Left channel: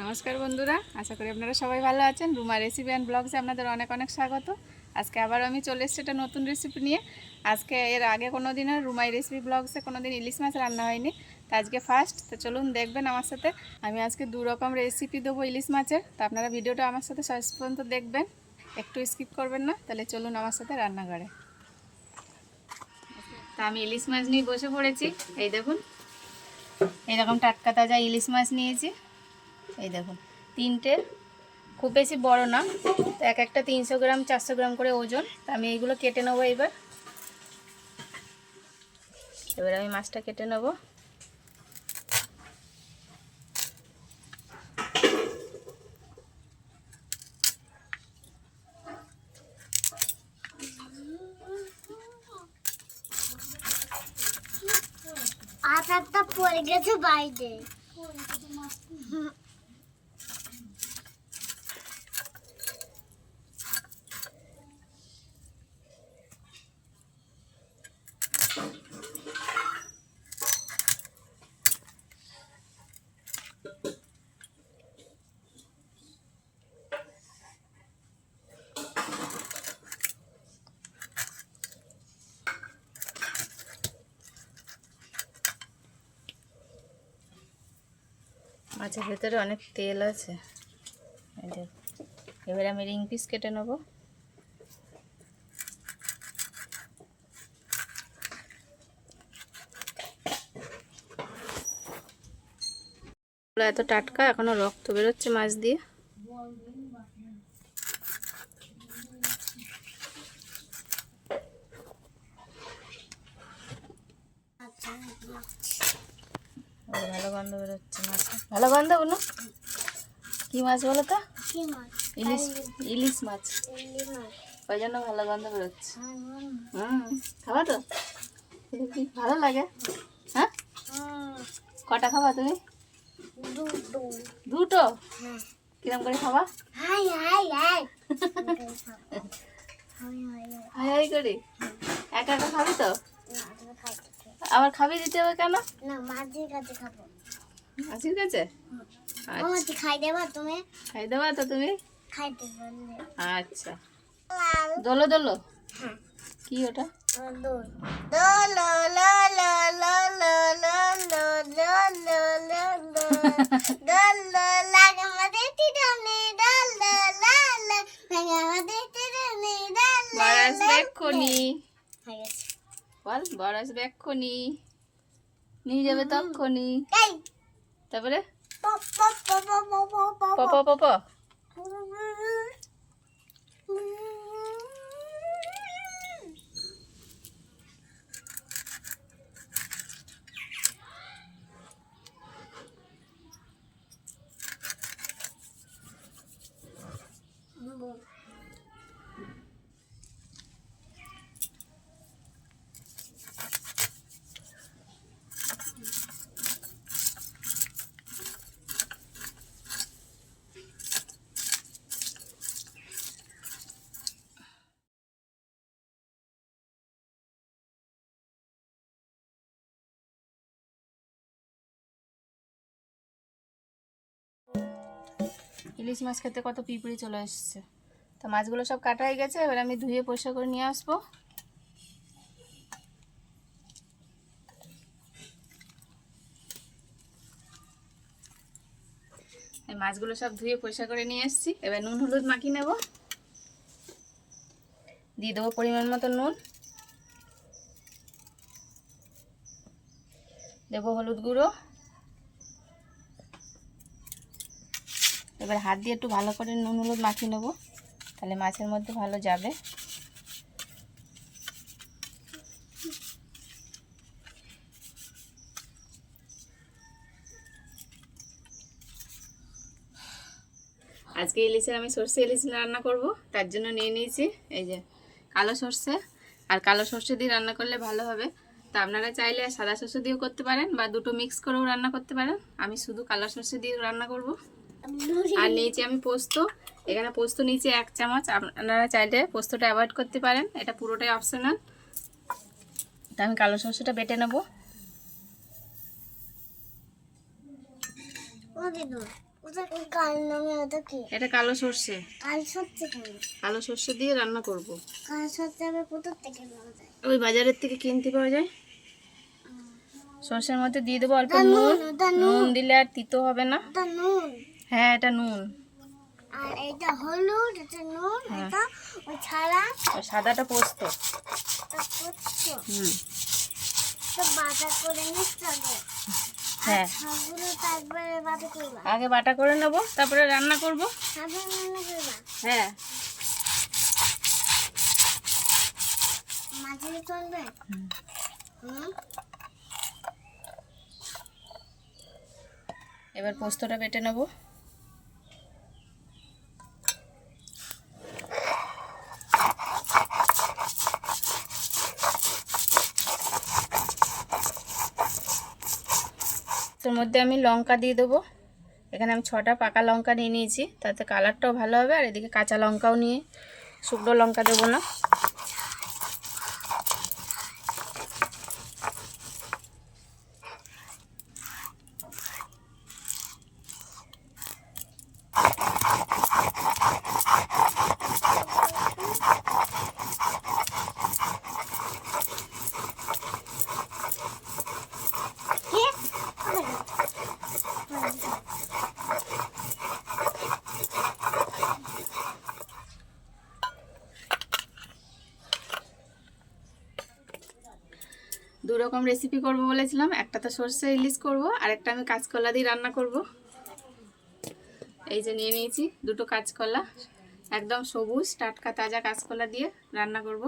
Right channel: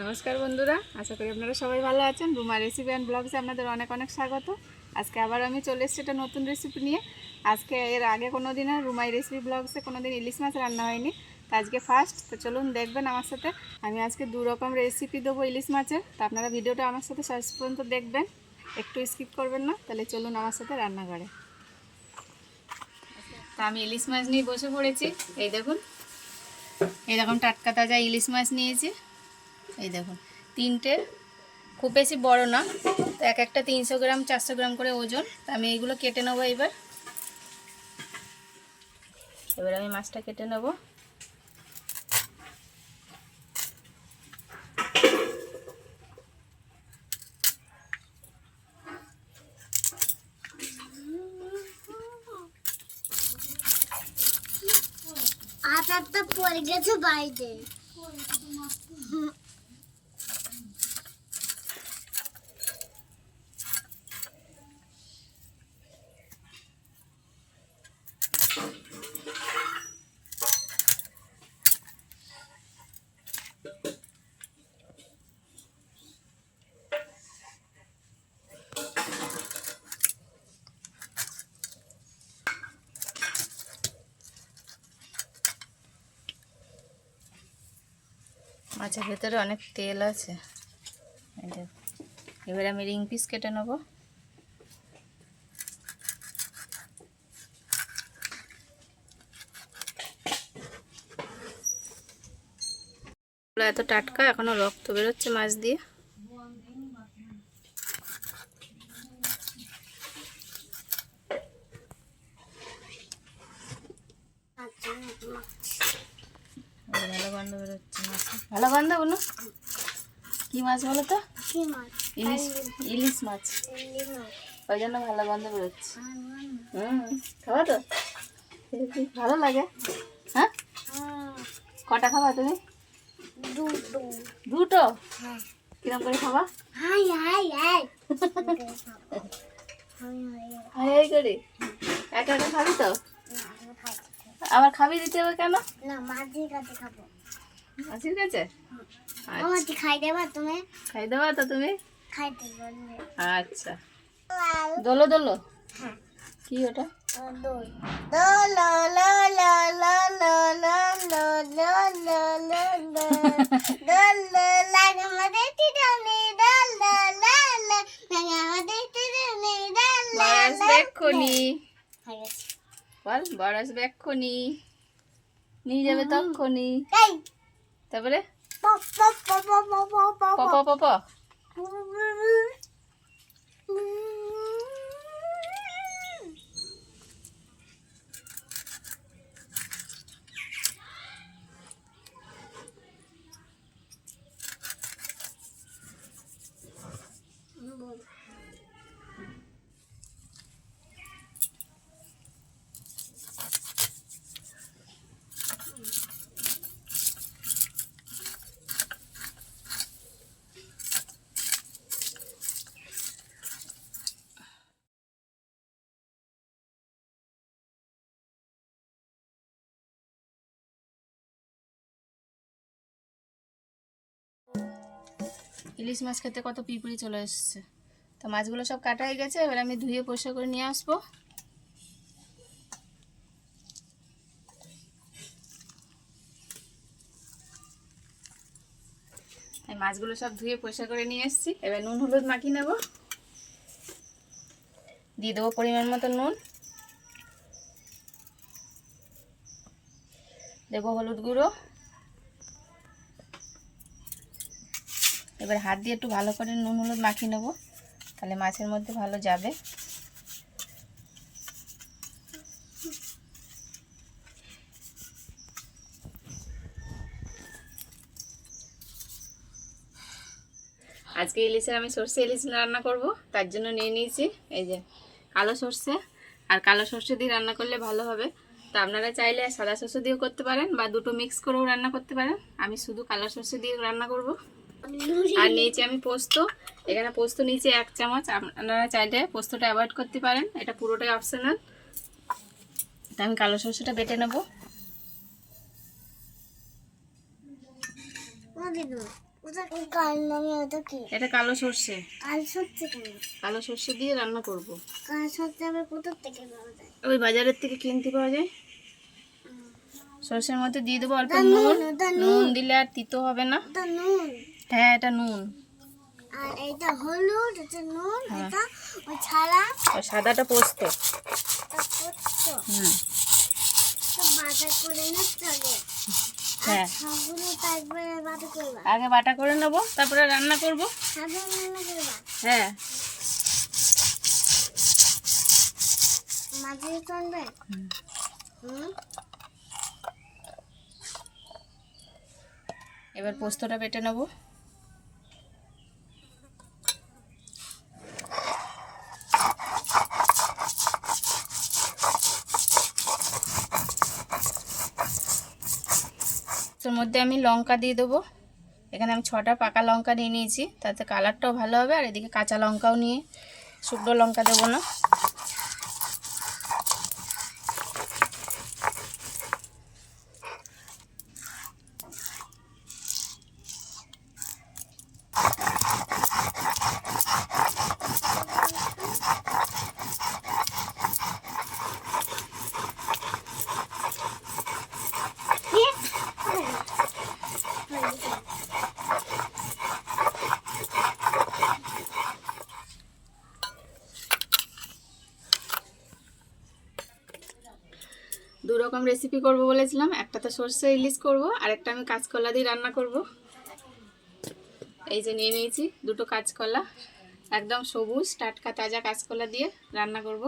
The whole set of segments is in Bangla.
নমস্কার বন্ধুরা, আশা করি আপনারা সবাই ভালো আছেন। রুমা রেসিপি অ্যান্ড ব্লগসে আপনাদের অনেক অনেক স্বাগত। আজকে আবার আমি চলে এসেছি একটা নতুন রেসিপি নিয়ে। আজকে এর আগে কোনো দিনও রুমাই রেসিপি ব্লগসে কোনো দিন ইলিশ মাছ রান্না হয়নি, তো আজকে ফার্স্ট। তো চলুন দেখবেন আমার সাথে। আমি আজকে 2 রকম রেসিপি দেবো ইলিশ মাছের। তো আপনারা ভিডিওটা আমার সাথে শেষ পর্যন্ত দেখবেন, একটু স্কিপ করবেন না। তাহলে চলুন আমার সাথে রান্নাঘরে। তা আমি ইলিশ মাছ নিয়ে বসে পড়েছি। এই দেখুন, এইরকম টাটকা তাজা ইলিশ মাছ নিয়েছি। এই দেখুন, 3টে, খুব বেশি বড় না, তো এক একটা 300 গ্রাম 400 গ্রাম করে ওজন। তো আমি এইগুলো কেটে নেবো। এবার আমি মাছটা কেটে নেবো। আটাটা পড়ে গেছে বাইরে। মাছের ভেতরে অনেক তেল আছে। এই দেখুন, এবার আমি রিং পিস কেটে নেবো। এত টাটকা, এখনো রক্ত বেরোচ্ছে মাছ দিয়ে। ভালো গন্ধ বেরোচ্ছে মাছ, ভালো গন্ধ। বলো কি মাছ বলো তো? ইলিশ, ইলিশ মাছ। ওই জন্য ভালো গন্ধ বেরোচ্ছে। খাবা তো? ভালো লাগে। হ্যাঁ, কটা খাবা তুমি? দুটো? কিরম করে খাবা? High high high high high করে একা একা খাবি তো? আবার খাবি দিতে হবে কেন? না, মাঝির কাছে খাবো। মাসির কাছে? মাঝি খাই দেবা তুমি? খাই দেবা তো তুমি? খাইতে বললে আচ্ছা, দোলো দোলো। কি ওটা? দোল দোল লো লো লো লো লো লো লো লো লো লো দোল লাগে আমাদের তিরনে দোল দোল লাগে আমাদের তিরনে দোল বরাস বেক্ষনি। হয়ে গেছে। বল, বরাস বেক্ষনি নিয়ে যাবে তক্ষণি। এই তারপরে পপ পপ পপ পপ পপ পপ পপ। ইলিশ মাছ খেতে কত পিঁপড়ি চলে এসছে। তো মাছগুলো সব কাটা হয়ে গেছে। এবার আমি ধুয়ে পরিষ্কার করে নিয়ে আসবো। এই মাছগুলো সব ধুয়ে পরিষ্কার করে নিয়ে এসেছি। এবার নুন হলুদ মাখিয়ে নেব। দিয়ে দেবো পরিমাণ মতো নুন, দেবো হলুদ গুঁড়ো। এবার হাত দিয়ে একটু ভালো করে নুন হলুদ মাখিয়ে নেব, তাহলে মাছের মধ্যে ভালো যাবে। আজকে ইলিশের আমি সর্ষে ইলিশ রান্না করব, তার জন্য নিয়ে নিয়েছি এই যে কালো সর্ষে। আর কালো সর্ষে দিয়ে রান্না করলে ভালো হবে। তো আপনারা চাইলে সাদা সর্ষে দিয়েও করতে পারেন, বা দুটো মিক্স করেও রান্না করতে পারেন। আমি শুধু কালো সর্ষে দিয়ে রান্না করব। আর নিয়েছি আমি পোস্ত। এখানে পোস্ত নিয়েছি 1 চামচ। আপনারা চাইলে পোস্তটা অ্যাভয়েড করতে পারেন, এটা পুরোটাই অপশনাল। তা আমি কালো সর্ষেটা বেটে নেব। কাল নামে ওটা কি? এটা কালো সর্ষে। কাল সর্ষে কেন? কালো সর্ষে দিয়ে রান্না করব। কাল সর্ষে আমি কোথা থেকে পাওয়া যায়? ওই বাজারের থেকে কিনতে পাওয়া যায়। সর্ষের মধ্যে দিয়ে দেবো অল্প ওটা নুন। ওটা নুন দিলে আর তিতো হবে না। ওটা নুন। হ্যাঁ, এটা নুন। আর এটা হলুদ, এটা নুন, হ্যাঁ। এটা ওই ছাড়া আর সাদাটা পোস্ত। এটা করছো। হুম। তো বাটা করে নিতে হবে। হ্যাঁ, সবগুলো তো একবারে বাটা করবা। আগে বাটা করে নেবো, তারপরে রান্না করব। সাদা রান্না করবা। হ্যাঁ। মাঝে চলবে। হুম। এবার পোস্তটা বেটে নেবো। তোর মধ্যে আমি লঙ্কা দিয়ে দেবো। এখানে আমি 6টা পাকা লঙ্কা নিয়ে নিয়েছি, তাতে কালারটাও ভালো হবে। আর এদিকে কাঁচা লঙ্কাও নিয়ে, শুকনো লঙ্কা দেবো না। দু রকম রেসিপি করব বলেছিলাম, একটা তো সর্ষে ইলিশ করব, আর একটা আমি কাঁচকলা দিয়ে রান্না করব। এই যে নিয়ে নিয়েছি দুটো কাঁচকলা, একদম সবুজ টাটকা তাজা কাঁচকলা দিয়ে রান্না করব।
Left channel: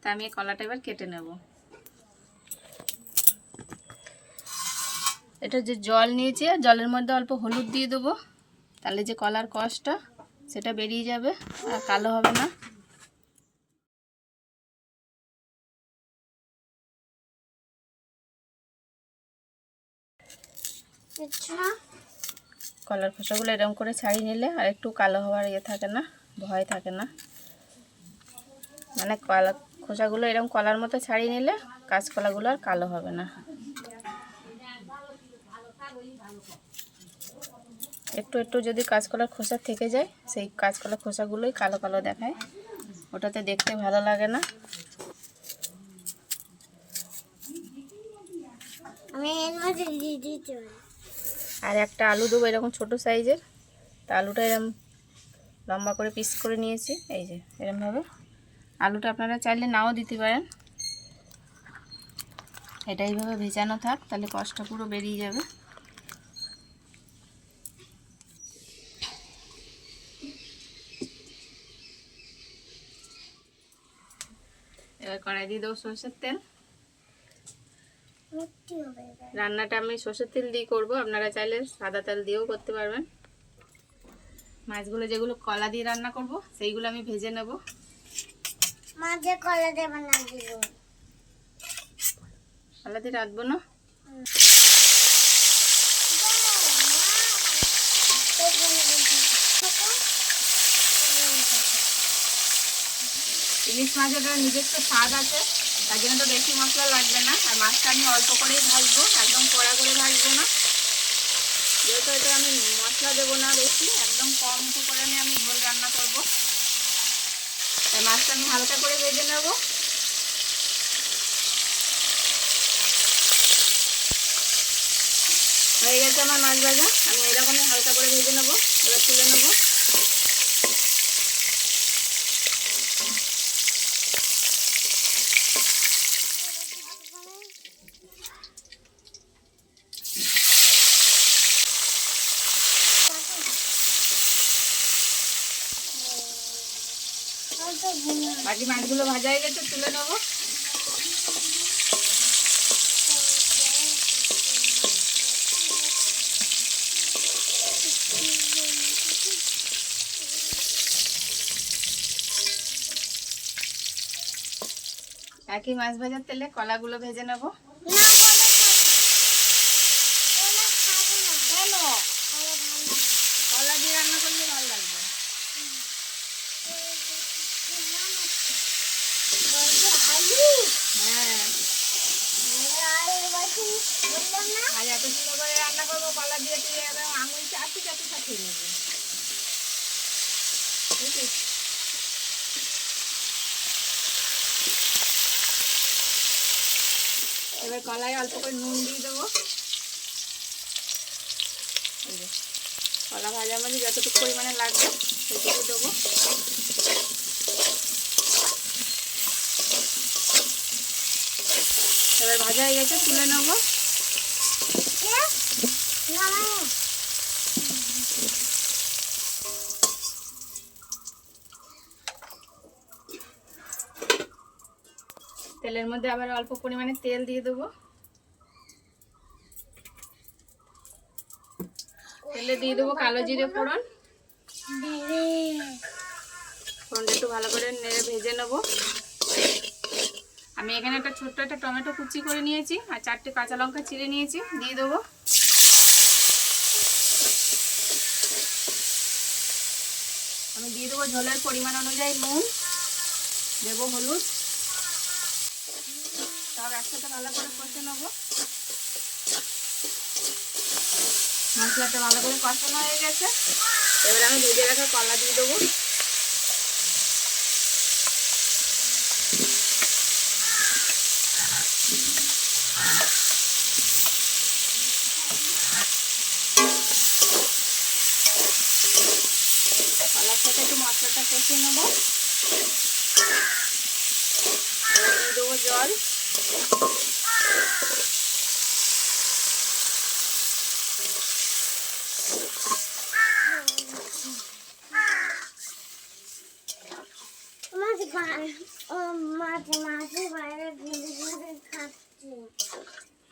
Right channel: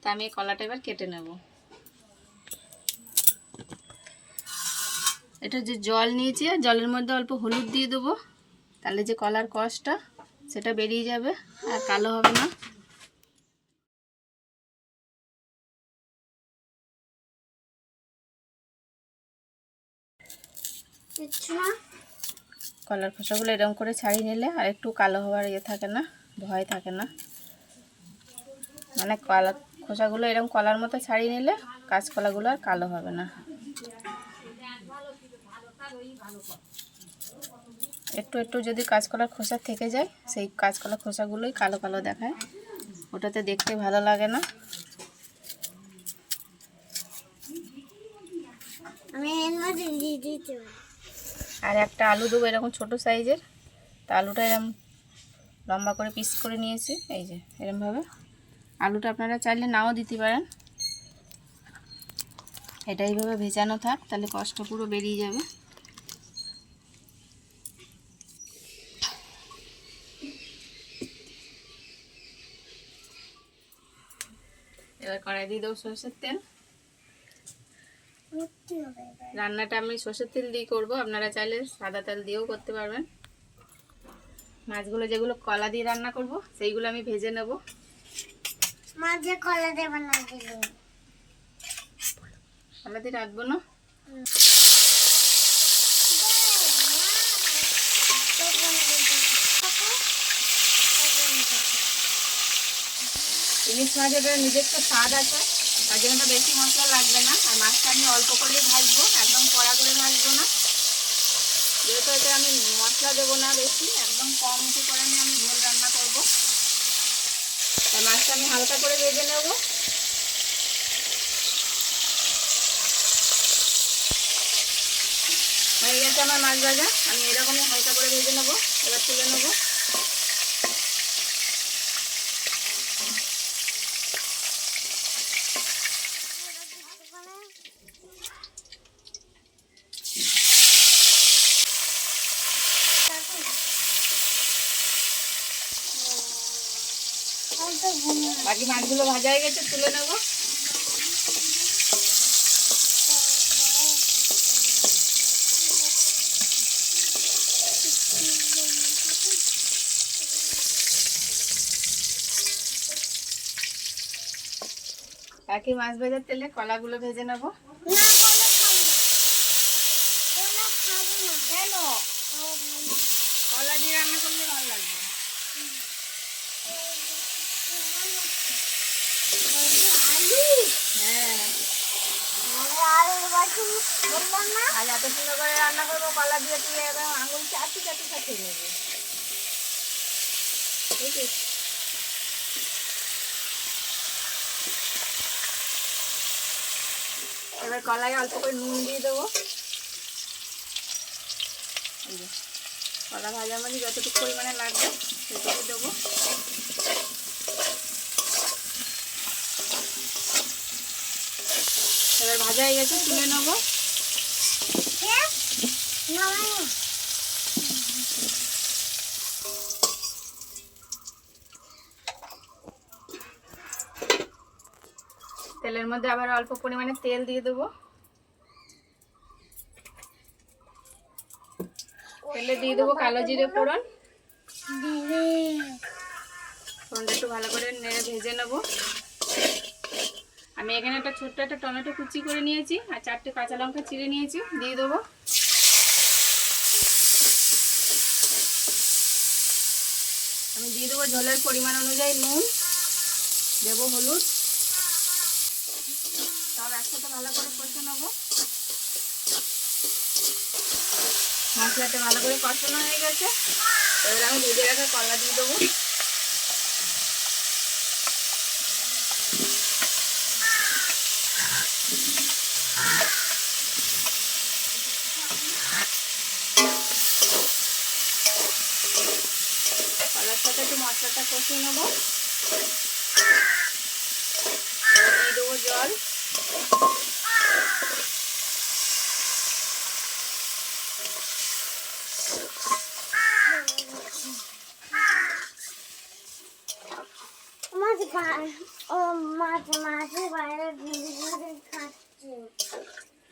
তা আমি এই কলাটা এবার কেটে নেব। এটা যে জল নিয়েছি, জলের মধ্যে অল্প হলুদ দিয়ে দেবো, তাহলে যে কলার কষটা সেটা বেরিয়ে যাবে আর কালো হবে না। কলার খোসাগুলো এরকম করে ছাড়িয়ে নিলে আর একটু কালো হওয়ার থাকে না, ভয় থাকে না। মানে কলা খোসাগুলো এরকম কলার মতো ছাড়িয়ে নিলে কাঁচকলাগুলো আর কালো হবে না। একটু একটু যদি কাঁচকলার খোসা থেকে যায়, সেই কাঁচকলার খোসাগুলোই কালো কালো দেখায়, ওটাতে দেখতে ভালো লাগে না। আর একটা আলু দেবো এরকম ছোট সাইজের। তা আলুটা এরকম লম্বা করে পিস করে নিয়েছি, এই যে এরকমভাবে। আলুটা আপনারা চাইলে নাও দিতে পারেন। এটা এইভাবে ভেজানো থাক, তাহলে কষটা পুরো বেরিয়ে যাবে। এবার কড়াই দিয়ে দেবো সরষের তেল। রান্নাটা আমি সরষের তেল দিয়ে করবো, আপনারা চাইলে সাদা তেল দিয়েও করতে পারবেন। মাছগুলো যেগুলো কলা দিয়ে রান্না করব সেইগুলো আমি ভেজে নেব। মাঝে কলা দেবে না, দিল কলা দিয়ে রাখবো না। ইলিশ মাছের নিজস্ব স্বাদ আছে, তার জন্য তো বেশি মশলা লাগবে না। আর মাছটা আমি অল্প করেই ভাজবো, একদম কড়া করে ভাজবো না। যেহেতু এটা আমি মশলা দেবো না বেশি, একদম কম করে নিয়ে আমি ঝোল রান্না করবো, তাই মাছটা আমি হালকা করে ভেজে নেব। হয়ে গেছে আমার মাছ ভাজা, আমি এরকমই হালকা করে ভেজে নেবো। এবার তুলে নেবো। বাকি মাছগুলো ভাজা হয়ে গেছে, তুলে নেবো। একই মাছ ভাজার তেলে কলাগুলো ভেজে নেবো। কেন? কলা দিয়ে রান্না করলে ভালো লাগবে। হ্যাঁ, আলুর বাটি বললাম না। আজ এত সুন্দর করে রান্না করবো কলা দিয়ে, তুই একদম আঙুল চাটতে চাটতে সব খেয়ে নেবি, বুঝলিস? এবার কলায় অল্প করে নুন দিয়ে দেবো। এই যে কলা ভাজার মধ্যে যতটুকু পরিমাণে লাগবে সেটুকু দেবো। এবার ভাজা হয়ে গেছে, তুলে নেবো। তেলের মধ্যে আবার অল্প পরিমাণে তেল দিয়ে দেবো। তেলে দিয়ে দেবো কালো জিরে ফোড়ন। ফোড়নটা একটু ভালো করে নেড়ে ভেজে নেবো। আমি এখানে একটা ছোট্ট একটা টমেটো কুচি করে নিয়েছি আর 4টে কাঁচা লঙ্কা চিড়ে নিয়েছি, দিয়ে দেবো। আমি দিয়ে দেবো ঝোলের পরিমাণ অনুযায়ী নুন, দেবো হলুদ, সব একসাথে ভালো করে কষে নেবো। মশলাটা ভালো করে কষানো হয়ে গেছে, এবার আমি ভেজে রাখা কলা দিয়ে দেবো। কলার সাথে একটু মশলাটা কষিয়ে নেবো। এবার দিয়ে দেবো জল।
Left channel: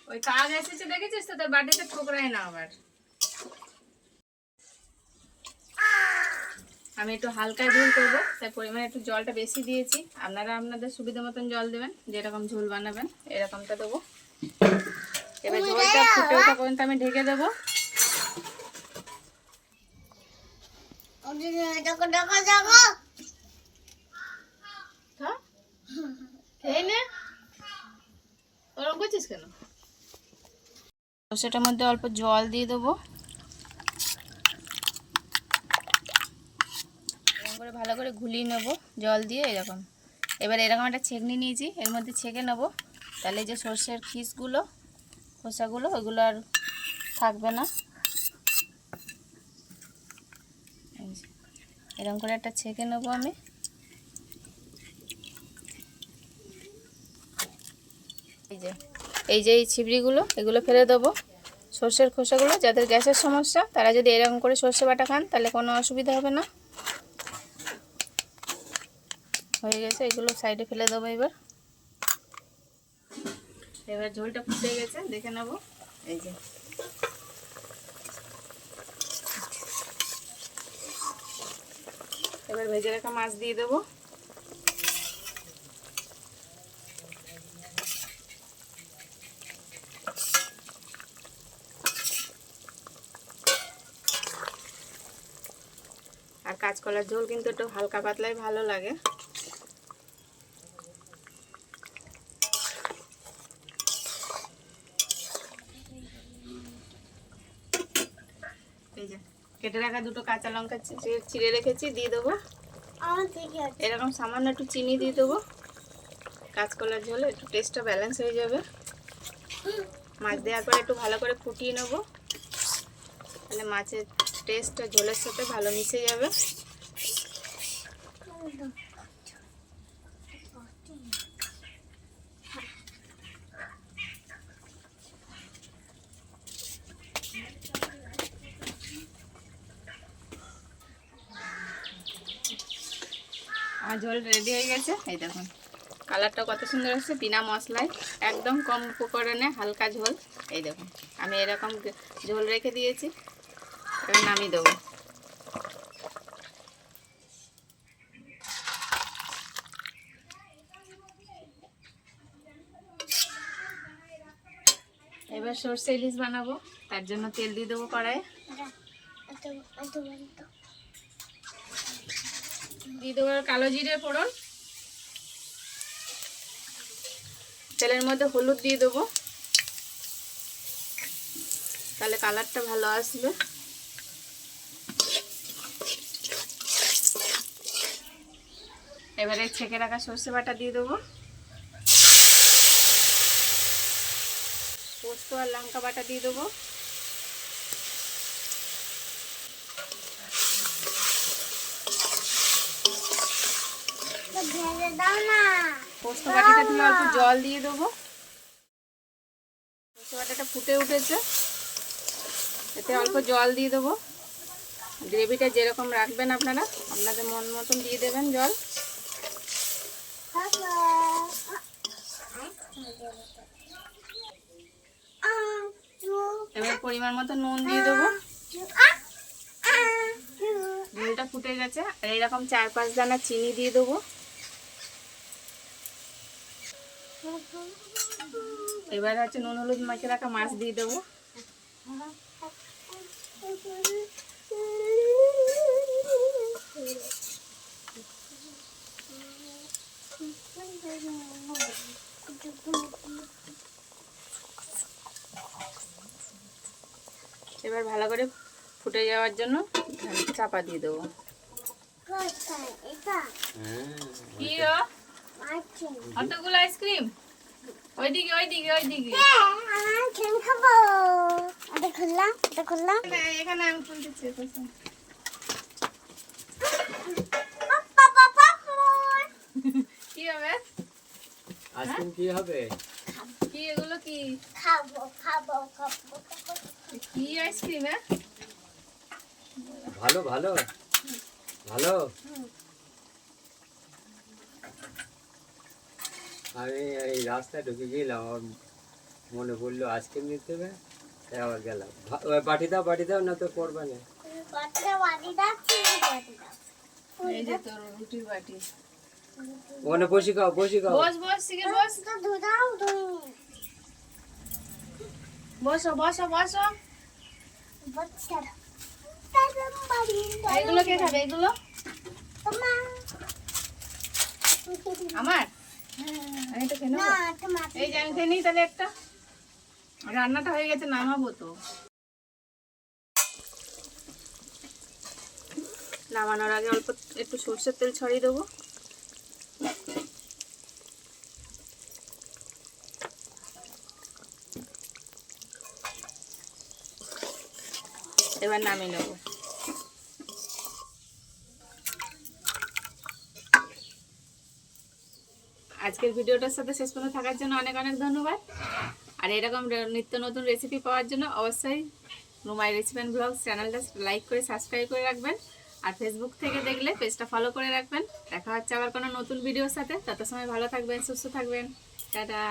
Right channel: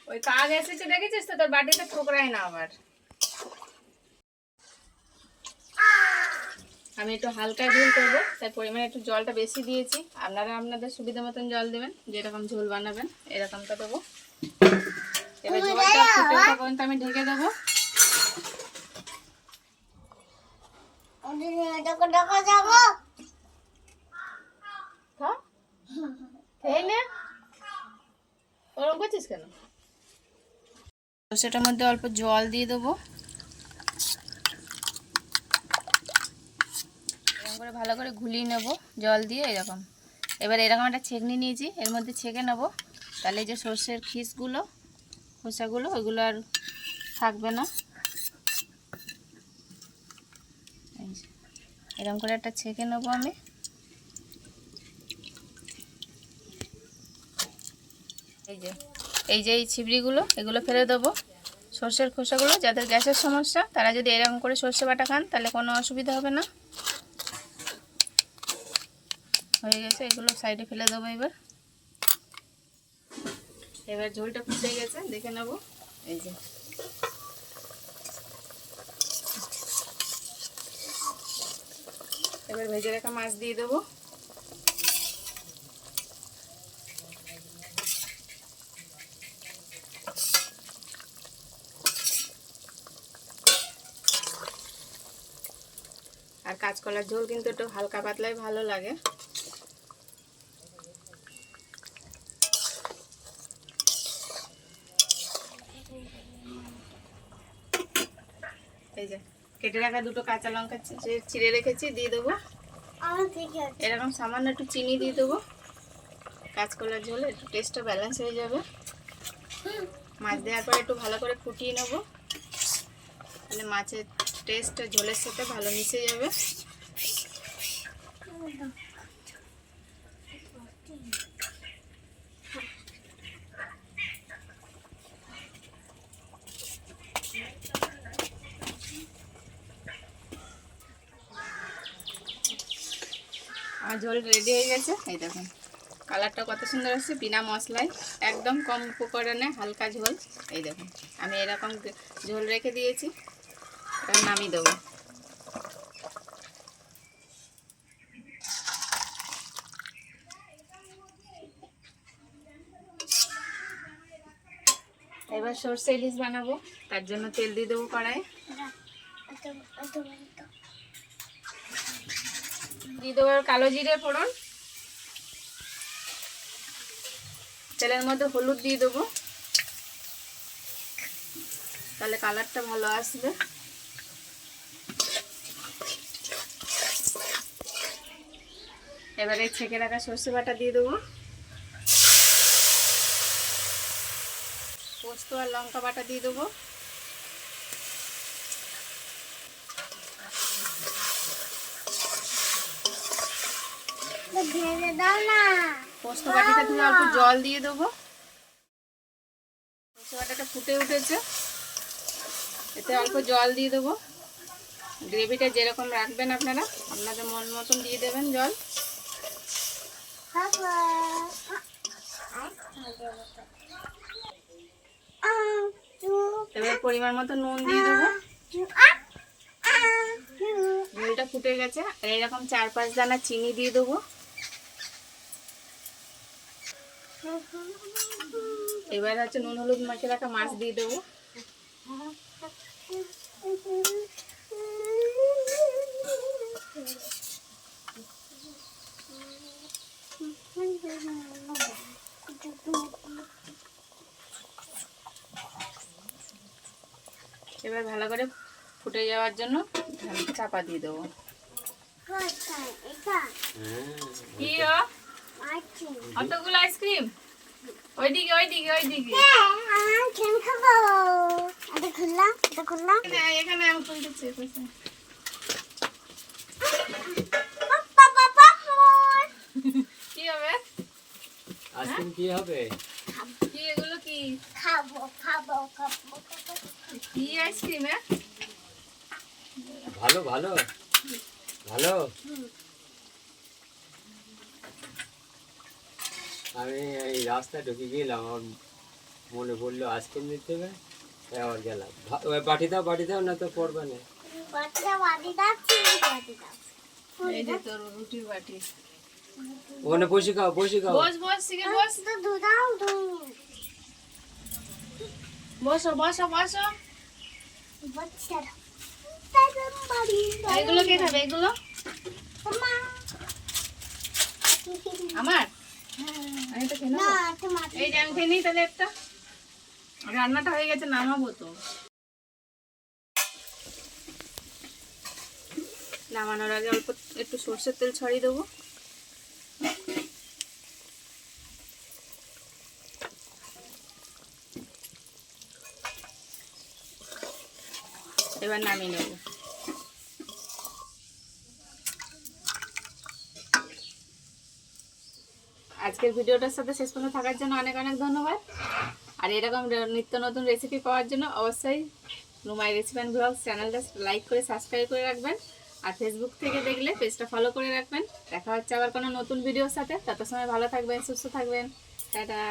ওই কাক এসেছে দেখেছিস তো, তোর বাটিতে ঠোকরাই না আবার। আমি একটু হালকা ঝোল করবো, তাই পরিমাণে একটু জলটা বেশি দিয়েছি। আপনারা আপনাদের সুবিধা মতন জল দেবেন, যেরকম ঝোল বানাবেন এরকমটা দেবো। এবার ঝোলটা ফুটে ওঠা পর্যন্ত আমি ঢেকে দেবো। খেয়ে নে, ওরকম করছিস কেন? সেটার মধ্যে অল্প জল দিয়ে দেবো। এরকম করে ভালো করে ঘুলিয়ে নেবো জল দিয়ে, এরকম। এবার এরকম একটা ছেঁকনি নিয়েছি, এর মধ্যে ছেঁকে নেবো, তাহলে যে সর্ষের খিসগুলো খোসাগুলো ওইগুলো আর থাকবে না। এরকম করে একটা ছেঁকে নেবো আমি। এই যে এই ছিবড়িগুলো এগুলো ফেলে দেবো, সর্ষের খোসাগুলো। যাদের গ্যাসের সমস্যা তারা যদি এরকম করে সর্ষে বাটা খান তাহলে কোনো অসুবিধা হবে না। হয়ে গেছে, এগুলো সাইডে ফেলে দেবো। এবার ঝোলটা ফুটে গেছে, দেখে নেবো। এই যে এবার ভেজে রাখা মাছ দিয়ে দেবো। আর কাঁচকলার ঝোল কিন্তু একটু হালকা পাতলাই ভালো লাগে। এই যে কেটে রাখা 2টো কাঁচা লঙ্কা চিড়ে রেখেছি, দিয়ে দেবো। এরকম সামান্য একটু চিনি দিয়ে দেবো। কাঁচকলার ঝোল একটু টেস্টটা ব্যালেন্স হয়ে যাবে। মাছ দেওয়ার পরে একটু ভালো করে ফুটিয়ে নেবো, তাহলে মাছের টেস্টটা ঝোলের সাথে ভালো মিশে যাবে। আমার ঝোল রেডি হয়ে গেছে। এই দেখুন কালারটা কত সুন্দর আসছে, বিনা মশলায়, একদম কম উপকরণে হালকা ঝোল। এই দেখুন আমি এরকম ঝোল রেখে দিয়েছি, এবার নামিয়ে দেবো। এবার সরষে ইলিশ বানাবো, তার জন্য তেল দিয়ে দেবো কড়াই। দিয়ে দেবো কালো জিরে ফোড়ন, তেলের মধ্যে হলুদ দিয়ে দেবো, তাহলে কালারটা ভালো আসবে। এবারে ছেঁকে রাখা সর্ষে বাটা দিয়ে দেবো, পোস্ত আর লঙ্কা বাটা দিয়ে দেবো, ঢেলে দাও না। পোস্ত বাটিটা ধুয়ে অল্প জল দিয়ে দেবো। সর্ষে বাটাটা ফুটে উঠেছে, এতে অল্প জল দিয়ে দেবো। গ্রেভিটা যেরকম রাখবেন আপনারা আপনাদের মন মতন দিয়ে দেবেন জল। এবার পরিমাণ মতো নুন দিয়ে দেবো। ঝোলটা ফুটে গেছে, আর এরকম 4-5 দানা চিনি দিয়ে দেবো। এবার হচ্ছে নুন হলুদ মাখিয়ে রাখা মাছ দিয়ে দেবো। এবার ভালো করে ফুটে যাওয়ার জন্য চাপা দিয়ে দেবো। কি অতগুলো আইসক্রিম? ওইদিকে ওইদিকে ওইদিকে এখানে আমি খুলতেছি। কি হবে আইসক্রিম? কি হবে? কি এগুলো? কি খাবো খাবো খাবো কি আইসক্রিম? ভালো ভালো ভালো। আমি এই রাস্তায় ঢুকে গেলাম, আমার মনে পড়লো আইসক্রিম নিতে হবে, আবার গেলাম। বাটি দাও না তো পড়বে না। এই যে তোর রুটির বাটি। ওখানে বসে খাও। বস বস শিখে বস। বসো বসো বসো। এগুলো কে খাবে? এগুলো আমার? আমি তো খেয়ে নেবো। এই যে আমি খেয়ে নিই তাহলে একটা। রান্নাটা হয়ে গেছে, নামাবো তো। নামানোর আগে অল্প একটু সর্ষের তেল ছড়িয়ে দেবো। এবার নামিয়ে নেবো। আজকের ভিডিওটার সাথে শেষ পর্যন্ত থাকার জন্য অনেক অনেক ধন্যবাদ। আর এরকম নিত্য নতুন রেসিপি পাওয়ার জন্য অবশ্যই রুমাই রেসিপি অ্যান্ড ব্লগস চ্যানেলটা লাইক করে সাবস্ক্রাইব করে রাখবেন। আর ফেসবুক থেকে দেখলে পেজটা ফলো করে রাখবেন। দেখা হচ্ছে আবার কোনো নতুন ভিডিওর সাথে। তত সময় ভালো থাকবেন, সুস্থ থাকবেন। টাটা।